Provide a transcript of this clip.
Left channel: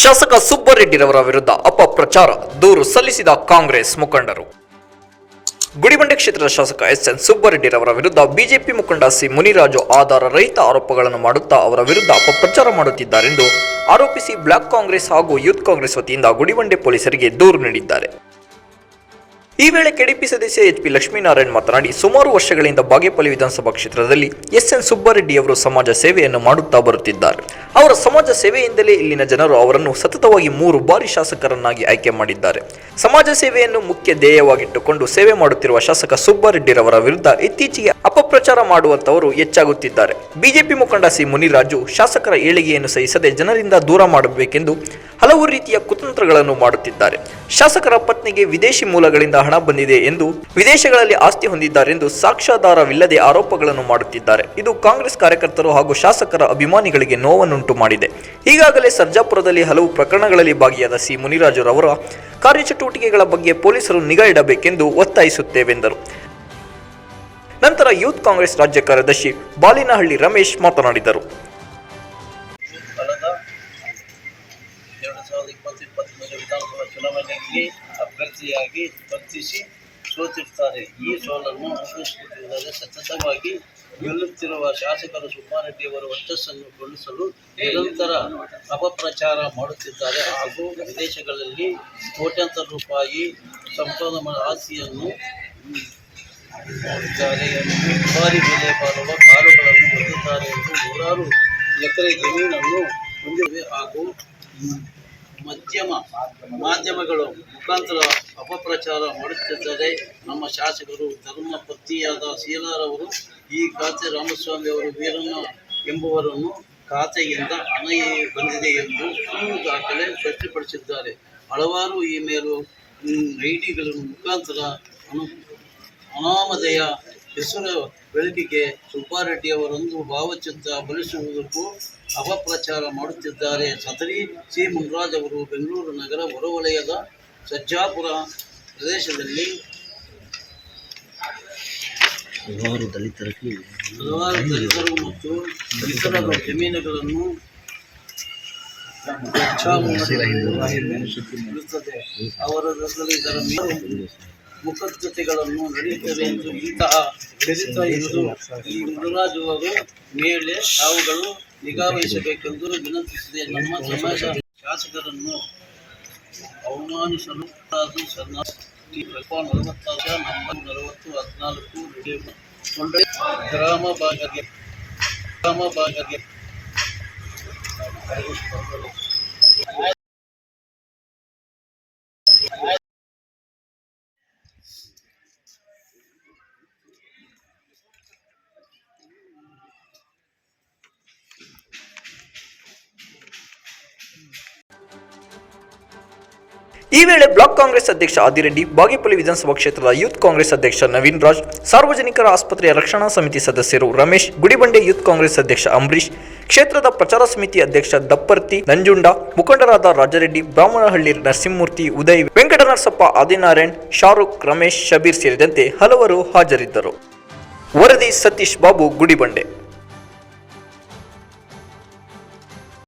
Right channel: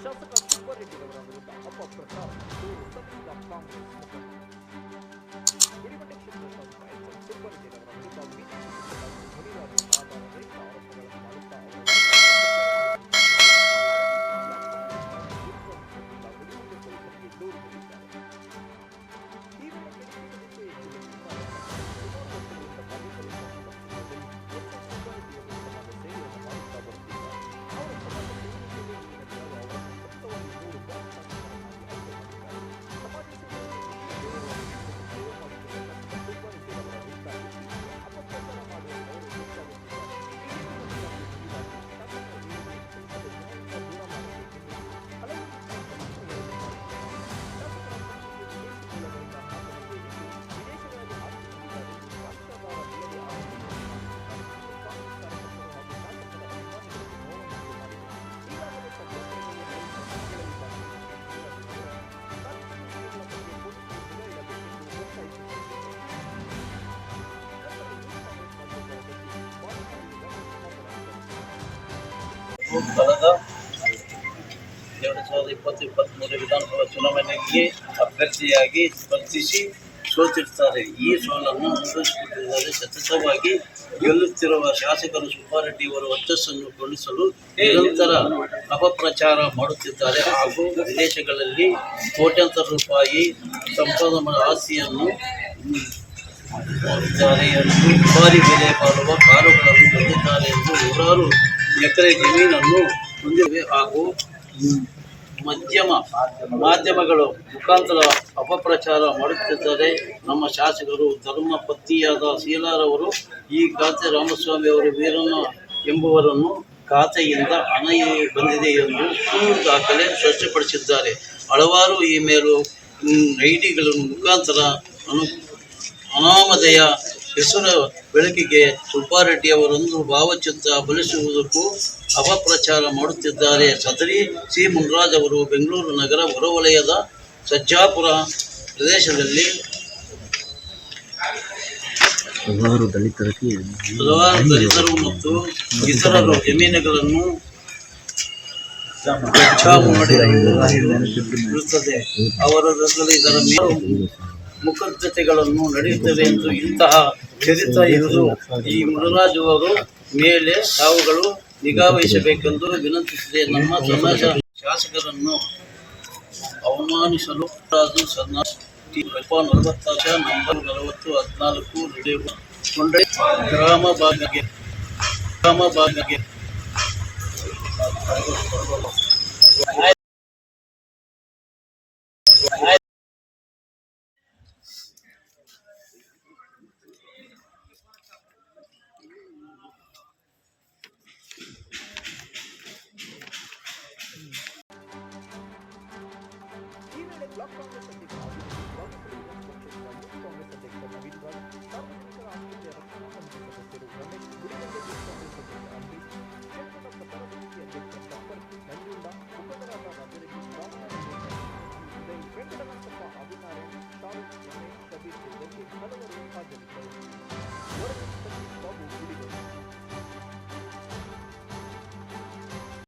ಶಾಸಕ ಸುಬ್ಬರೆಡ್ಡಿರವರ ವಿರುದ್ಧ ಅಪಪ್ರಚಾರ ದೂರು ಸಲ್ಲಿಸಿದ ಕಾಂಗ್ರೆಸ್ ಮುಖಂಡರು. ಗುಡಿಬಂಡೆ ಕ್ಷೇತ್ರದ ಶಾಸಕ ಎಸ್ ಎನ್ ಸುಬ್ಬರೆಡ್ಡಿರವರ ವಿರುದ್ಧ ಬಿಜೆಪಿ ಮುಖಂಡ ಸಿ ಮುನಿರಾಜು ಆಧಾರ ರಹಿತ ಆರೋಪಗಳನ್ನು ಮಾಡುತ್ತಾ ಅವರ ವಿರುದ್ಧ ಅಪಪ್ರಚಾರ ಮಾಡುತ್ತಿದ್ದಾರೆಂದು ಆರೋಪಿಸಿ ಬ್ಲಾಕ್ ಕಾಂಗ್ರೆಸ್ ಹಾಗೂ ಯೂತ್ ಕಾಂಗ್ರೆಸ್ ವತಿಯಿಂದ ಗುಡಿಬಂಡೆ ಪೊಲೀಸರಿಗೆ ದೂರು ನೀಡಿದ್ದಾರೆ. ಈ ವೇಳೆ ಕೆಡಿಪಿ ಸದಸ್ಯ ಎಚ್ ಪಿ ಲಕ್ಷ್ಮೀನಾರಾಯಣ್ ಮಾತನಾಡಿ, ಸುಮಾರು ವರ್ಷಗಳಿಂದ ಬಾಗೇಪಲ್ಲಿ ವಿಧಾನಸಭಾ ಕ್ಷೇತ್ರದಲ್ಲಿ ಎಸ್ ಎನ್ ಸುಬ್ಬಾರೆಡ್ಡಿ ಅವರು ಸಮಾಜ ಸೇವೆಯನ್ನು ಮಾಡುತ್ತಾ ಬರುತ್ತಿದ್ದಾರೆ. ಅವರ ಸಮಾಜ ಸೇವೆಯಿಂದಲೇ ಇಲ್ಲಿನ ಜನರು ಅವರನ್ನು ಸತತವಾಗಿ ಮೂರು ಬಾರಿ ಶಾಸಕರನ್ನಾಗಿ ಆಯ್ಕೆ ಮಾಡಿದ್ದಾರೆ. ಸಮಾಜ ಸೇವೆಯನ್ನು ಮುಖ್ಯ ಧ್ಯೇಯವಾಗಿಟ್ಟುಕೊಂಡು ಸೇವೆ ಮಾಡುತ್ತಿರುವ ಶಾಸಕ ಸುಬ್ಬಾರೆಡ್ಡಿರವರ ವಿರುದ್ಧ ಇತ್ತೀಚೆಗೆ ಅಪಪ್ರಚಾರ ಮಾಡುವಂತವರು ಹೆಚ್ಚಾಗುತ್ತಿದ್ದಾರೆ. ಬಿಜೆಪಿ ಮುಖಂಡ ಸಿ ಮುನಿರಾಜು ಶಾಸಕರ ಏಳಿಗೆಯನ್ನು ಸಹಿಸದೆ ಜನರಿಂದ ದೂರ ಮಾಡಬೇಕೆಂದು ಹಲವು ರೀತಿಯ ಕುತಂತ್ರಗಳನ್ನು ಮಾಡುತ್ತಿದ್ದಾರೆ. ಶಾಸಕರ ಪತ್ನಿಗೆ ವಿದೇಶಿ ಮೂಲಗಳಿಂದ ಹಣ ಬಂದಿದೆ ಎಂದು ವಿದೇಶಗಳಲ್ಲಿ ಆಸ್ತಿ ಹೊಂದಿದ್ದಾರೆಂದು ಸಾಕ್ಷ್ಯಾಧಾರವಿಲ್ಲದೆ ಆರೋಪಗಳನ್ನು ಮಾಡುತ್ತಿದ್ದಾರೆ. ಇದು ಕಾಂಗ್ರೆಸ್ ಕಾರ್ಯಕರ್ತರು ಹಾಗೂ ಶಾಸಕರ ಅಭಿಮಾನಿಗಳಿಗೆ ನೋವನ್ನುಂಟು ಮಾಡಿದೆ. ಈಗಾಗಲೇ ಸರ್ಜಾಪುರದಲ್ಲಿ ಹಲವು ಪ್ರಕರಣಗಳಲ್ಲಿ ಭಾಗಿಯಾದ ಸಿ. ಮುನಿರಾಜುರವರ ಕಾರ್ಯಚಟುವಟಿಕೆಗಳ ಬಗ್ಗೆ ಪೊಲೀಸರು ನಿಗಾ ಇಡಬೇಕೆಂದು ಒತ್ತಾಯಿಸುತ್ತೇವೆಂದರು. ನಂತರ ಯೂತ್ ಕಾಂಗ್ರೆಸ್ ರಾಜ್ಯ ಕಾರ್ಯದರ್ಶಿ ಬಾಲಿನಹಳ್ಳಿ ರಮೇಶ್ ಮಾತನಾಡಿದರು. ಎರಡು ಸಾವಿರದ ಇಪ್ಪತ್ತು ಇಪ್ಪತ್ತ್ಮೂರು ವಿಧಾನಸಭಾ ಚುನಾವಣೆಗೆ ಅಭ್ಯರ್ಥಿಯಾಗಿ ಸ್ಪರ್ಧಿಸಿ ಸೋತಿರ್ತಾರೆ. ಈ ಸೋಲನ್ನು ಅನುಭವಿಸಿಕೊಂಡಿದ್ದಾರೆ ಸತತವಾಗಿ ಗೆಲ್ಲುತ್ತಿರುವ ಶಾಸಕರು ಸುಬ್ಬಾರೆಡ್ಡಿಯವರ ವರ್ಚಸ್ಸನ್ನು ಗಳಿಸಲು ನಿರಂತರ ಅಪಪ್ರಚಾರ ಮಾಡುತ್ತಿದ್ದಾರೆ ಹಾಗೂ ವಿದೇಶಗಳಲ್ಲಿ ಕೋಟ್ಯಾಂತರ ರೂಪಾಯಿ ಸಂಪದ ಆಸ್ತಿಯನ್ನು ಮಾಡಿದ್ದಾರೆ ಎಂದು ದುಬಾರಿ ಬೆಲೆ ಬಾಳುವ ಕಾರುಗಳನ್ನು ಹೊಂದಿದ್ದಾರೆ ಎಂದು ನೂರಾರು ಎಕರೆ ಜಮೀನನ್ನು ಹೊಂದಿವೆ ಹಾಗೂ ಮಧ್ಯಮ ಮಾಧ್ಯಮಗಳು ಮುಖಾಂತರ ಅಪಪ್ರಚಾರ ಮಾಡುತ್ತಿದ್ದಾರೆ ನಮ್ಮ ಶಾಸಕರು ಧರ್ಮ ಪತ್ನಿಯಾದ ಶೀಲಾರವರು ಈ ಖಾತೆ ರಾಮಸ್ವಾಮಿ ಅವರು ವೀರಣ್ಣ ಎಂಬುವರನ್ನು ಖಾತೆಯಿಂದ ಹಣ ಬಂದಿದೆ ಎಂದು ಸುಳ್ಳು ದಾಖಲೆ ಸ್ಪಷ್ಟಪಡಿಸಿದ್ದಾರೆ. ಹಲವಾರು ಇಮೇಲು ಐ ಡಿಗಳ ಮುಖಾಂತರ ಅನು, ಅನಾಮಧೇಯ ಹೆಸರು ಬೆಳಕಿಗೆ ಸುಬ್ಬಾರೆಡ್ಡಿ ಅವರೊಂದು ಭಾವಚಿತ್ರ ಬಳಸುವುದಕ್ಕೂ ಅಪಪ್ರಚಾರ ಮಾಡುತ್ತಿದ್ದಾರೆ. ಸದರಿ ಸಿ. ಮುನ್ರಾಜ್ ಅವರು ಬೆಂಗಳೂರು ನಗರ ಹೊರವಲಯದ ಸಜ್ಜಾಪುರ ಪ್ರದೇಶದಲ್ಲಿ ಹಲವಾರು ಹಲವಾರು ದಲಿತರು ಮತ್ತು ಇತರರು ಜಮೀನುಗಳನ್ನು ಅವರ ಮಾಡಿ ಇರುತ್ತದೆ. ಅವರಲ್ಲಿ ಇದರ ಮೇಲು ಮುಖದ್ಧತೆಗಳನ್ನು ನಡೆಯುತ್ತದೆ ಎಂದು ಇಂತಹ ಚರಿತ್ರ ಇರುವುದು ಈ ಮುರುರಾಜು ಅವರು ಮೇಲೆ ತಾವುಗಳು ನಿಗಾ ವಹಿಸಬೇಕೆಂದು ವಿನಂತಿಸಿದೆ. ನಮ್ಮ ಸಮಾಜ ಶಾಸಕರನ್ನು ಅವಮಾನಿಸಲು ನಂಬರ್ ನಲವತ್ತು ಹದಿನಾಲ್ಕು ಗ್ರಾಮ ಭಾಗಕ್ಕೆ ಗ್ರಾಮ ಭಾಗಕ್ಕೆ ಈ ವೇಳೆ ಬ್ಲಾಕ್ ಕಾಂಗ್ರೆಸ್ ಅಧ್ಯಕ್ಷ ಆದಿರೆಡ್ಡಿ ಬಾಗೇಪಲ್ಲಿ ವಿಧಾನಸಭಾ ಕ್ಷೇತ್ರದ ಯೂತ್ ಕಾಂಗ್ರೆಸ್ ಅಧ್ಯಕ್ಷ ನವೀನ್ ರಾಜ್, ಸಾರ್ವಜನಿಕರ ಆಸ್ಪತ್ರೆಯ ರಕ್ಷಣಾ ಸಮಿತಿ ಸದಸ್ಯರು ರಮೇಶ್, ಗುಡಿಬಂಡೆ ಯೂತ್ ಕಾಂಗ್ರೆಸ್ ಅಧ್ಯಕ್ಷ ಅಂಬರೀಶ್ ಕ್ಷೇತ್ರದ ಪ್ರಚಾರ ಸಮಿತಿ ಅಧ್ಯಕ್ಷ ದಪ್ಪರ್ತಿ, ನಂಜುಂಡ, ಮುಖಂಡರಾದ ರಾಜರೆಡ್ಡಿ, ಬ್ರಾಹ್ಮಣಹಳ್ಳಿ ನರಸಿಂಹಮೂರ್ತಿ, ಉದಯ್, ವೆಂಕಟನರಸಪ್ಪ, ಆದಿನಾರಾಯಣ್, ಶಾರುಖ್, ರಮೇಶ್, ಶಬೀರ್ ಸೇರಿದಂತೆ ಹಲವರು ಹಾಜರಿದ್ದರು. ವರದಿ ಸತೀಶ್ ಬಾಬು, ಗುಡಿಬಂಡೆ.